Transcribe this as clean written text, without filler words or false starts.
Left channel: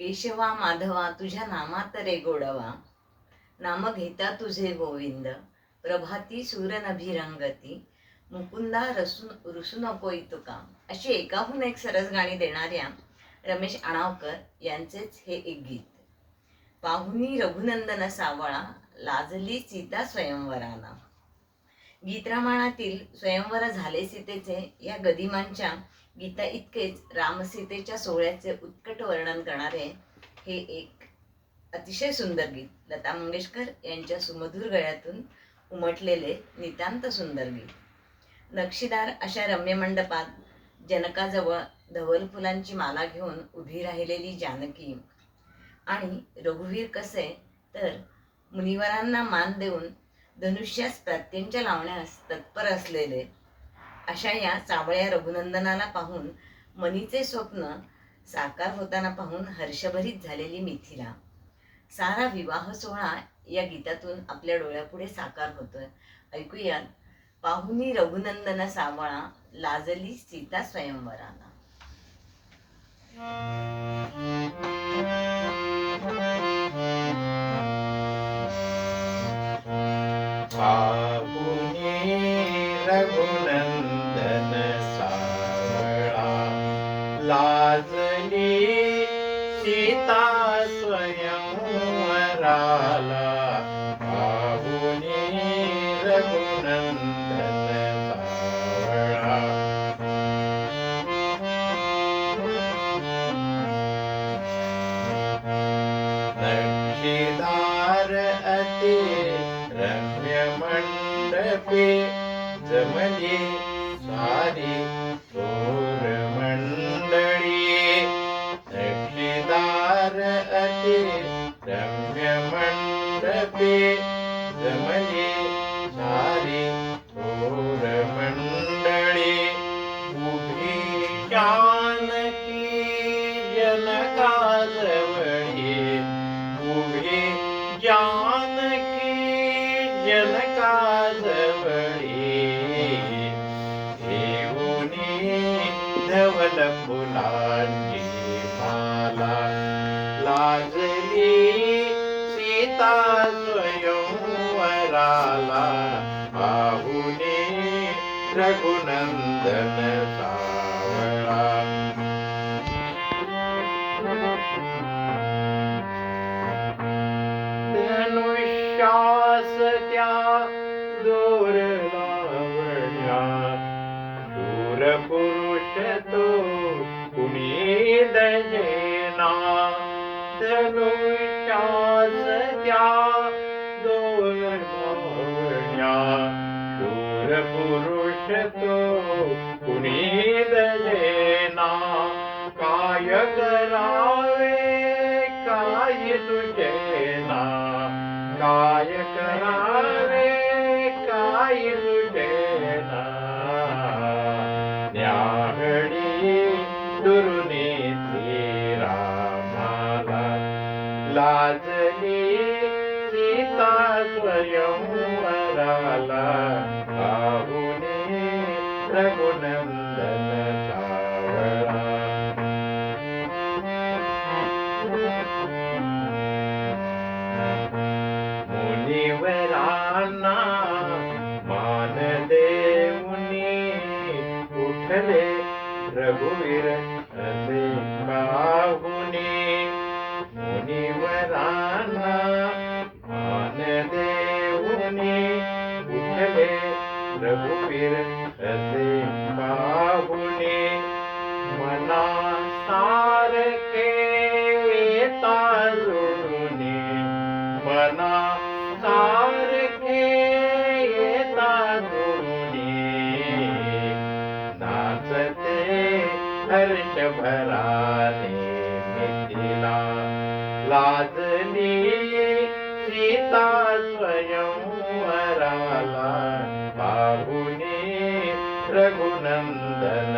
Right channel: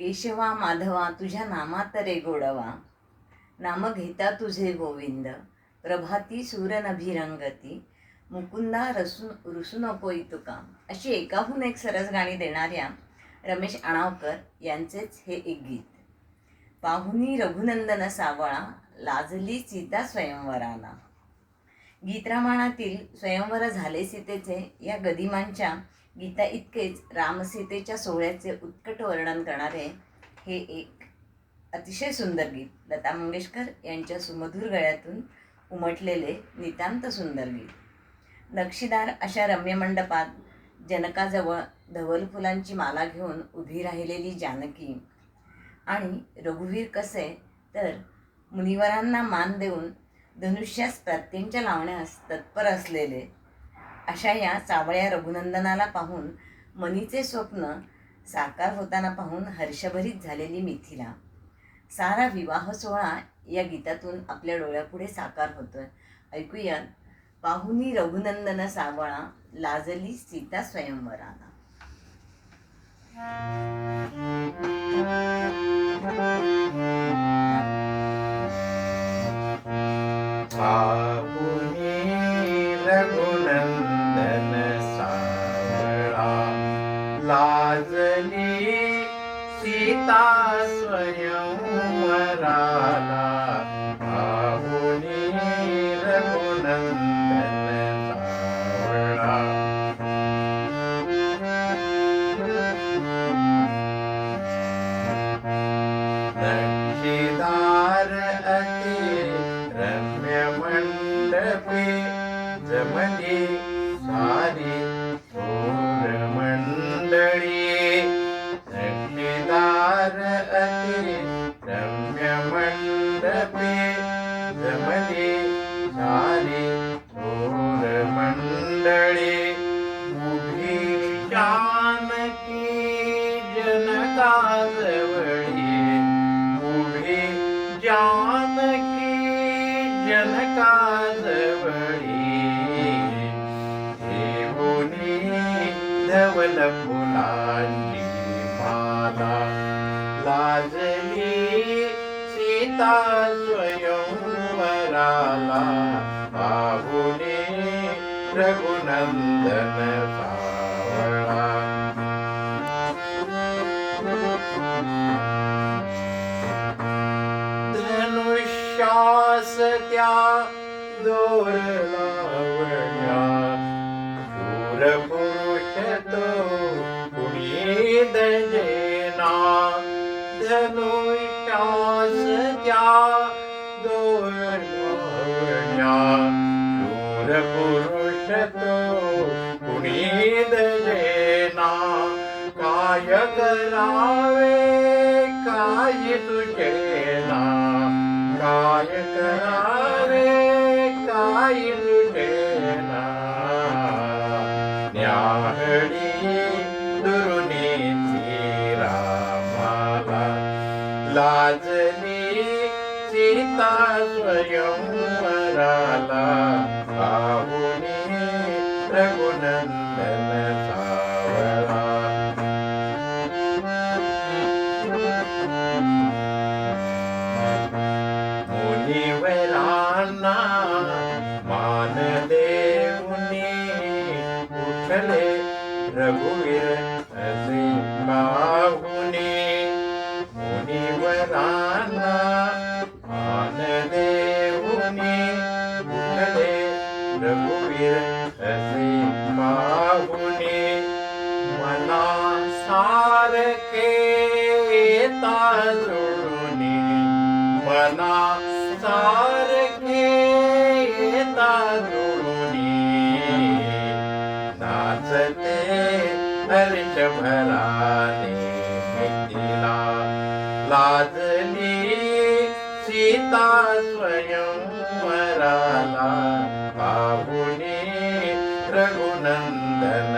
केशवा माधवा तुझ्या नामात रे गोडवा, नाम घेता तुझे गोविंद. प्रभाती सूरनभिरंगती, मुकुंदा रुसू नकोई तुका. अशी एकाहून एक सरस गाणी देणाऱ्या रमेश अणावकर यांचेच हे एक गीत. पाहुनी रघुनंदन सावळा, लाजली सीता स्वयंवराला. गीतरामायणातील स्वयंवर झाले सीतेचे या गदिमांच्या गीता इतकेच रामसीतेच्या सोहळ्याचे उत्कट वर्णन करणारे हे एक अतिशय सुंदर गीत, लता मंगेशकर यांच्या सुमधुर गळ्यातून उमटलेले नितांत सुंदर गीत. नक्षीदार अशा रम्य मंडपात जनकाजवळ धवल फुलांची माला घेऊन उभी राहिलेली जानकी आणि रघुवीर कसे तर मुनिवरांना मान देऊन धनुष्यास प्रत्यंच्या लावण्यास तत्पर असलेले अशा या सावळ्या रघुनंदनाला पाहून मनीचे स्वप्न साकार होताना पाहून हर्षभरीत झालेली मिथिला. सारा विवाह सोहळा या गीतातून आपल्या डोळ्यापुढे साकार होतोय. ऐकूयात पाहुनी रघुनंदन सावळा, लाजली सीता स्वयंवराला. पाहुनी रघुनंदन सावळा, लाजली सीता स्वयंवराला. पाहुनी रघुनंदन सावळा, नक्षीदार अति रम्य मंडपे जमली सारी थोर मंडळी. नक्षीदार अति रम्य मंडपे जमली सारी थोर मंडळी. उभी जानकी जनकाजवळी, उभी जानकी जनकाजवळी. घेऊनी धवल फुलांची माला, लाजली सीता स्वयंवराला. पाहुनी रघुनंदन सावळा, धनुष्यास त्या दोर लावण्या, शूर पुरुष तो कुणी दजेना. धनुष्यास त्या दोर लावण्या, शूर पुरुष तो कुणी दजेना. काय करावे काय तुझेना, काय करावे काय तुझेना. न्याहळी दुरुनीची रामाला, लाजली सीता स्वयंवराला. पाहुनी रघुनंदन सावळा, मुनिवरांना मान देऊनी उठले रघुवीर असे पाहुनी. मुनिवरांना मान देऊनी उठले रघुवीर असे पाहुनी. मना सारखे येता जोडूनी, मना सारखे येता जोडूनी. नाचते हर्षभराने मिथिला, लाजली सीता स्वयंवराला. पाहुनी रघुनंदन